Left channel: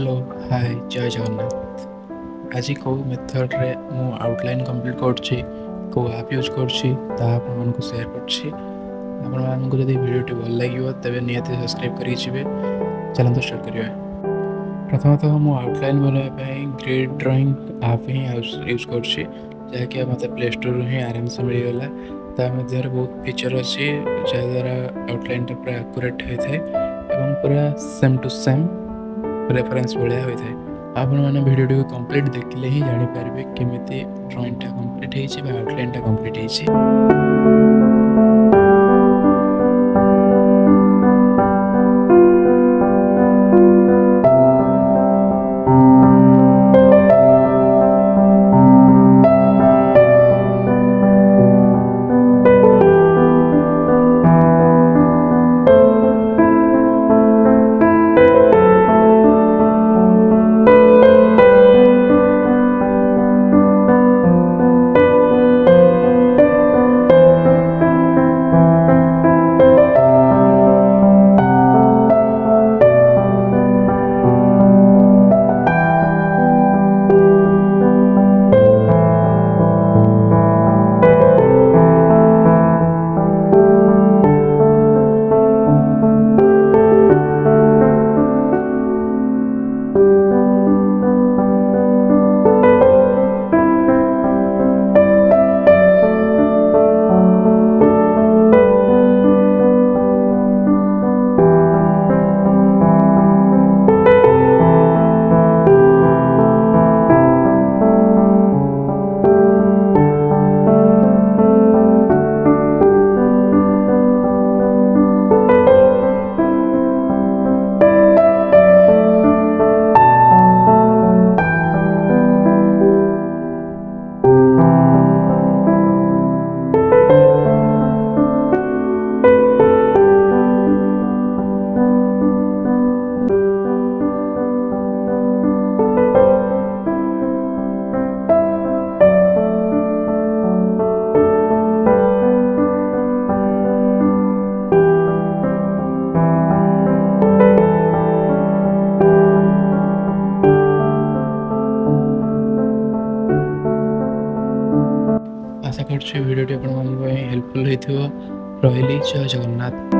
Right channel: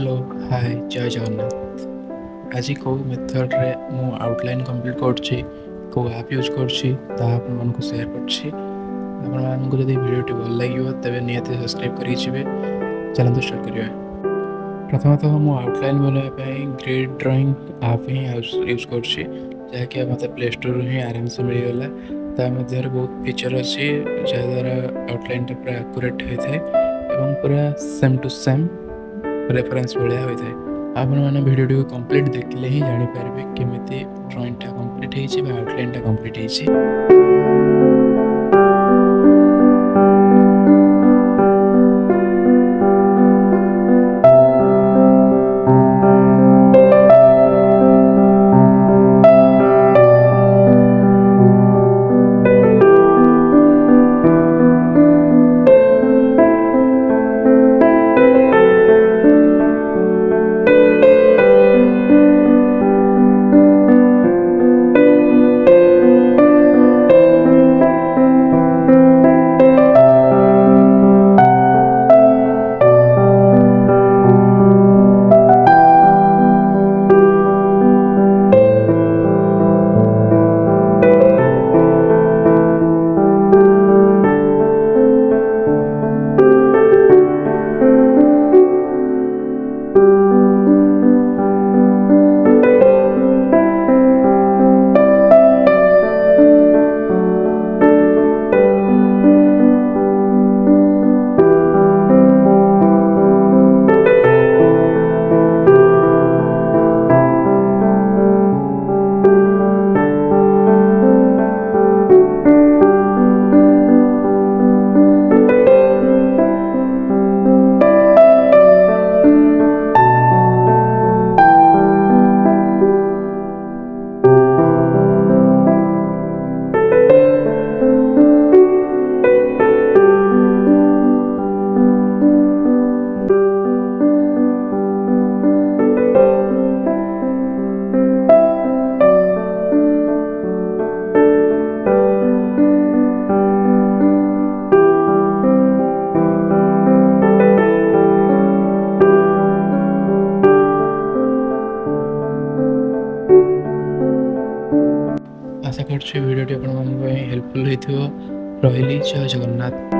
Hello hi जय जगन्नाथ। आज कौ मेथड रे मु आउटलाइन कंप्लीट करछि को ऐप यूज करछि ता आपण मानको शेयर करछि। आपण मानको जदि वीडियोटी भल लागियो तबे नियति सब्सक्राइब करि छिबे। चलंतु स्टार्ट करियो। प्रथमतः मु आउटलाइन बनाय पई ग्रिड ड्राइंग ऐप ही यूज करछि जाके मते प्ले स्टोर ही आराम से मिल गला। ता मध्ये बहुत फीचर अछि जा द्वारा आउटलाइन टा पूरा एक्यूरेट होय थाए एवं पूरा सेम टू सेम रेफरेंस भाया होता है। आपने भिडियो कंप्लीट देखले ही जानीपारे केमी ड्रॉइंगटा कंप्लीट होती आउटलाइनटा कंप्लीट होती। आशा कर वीडियो हेल्पफुल होती। रही जय जगन्नाथ।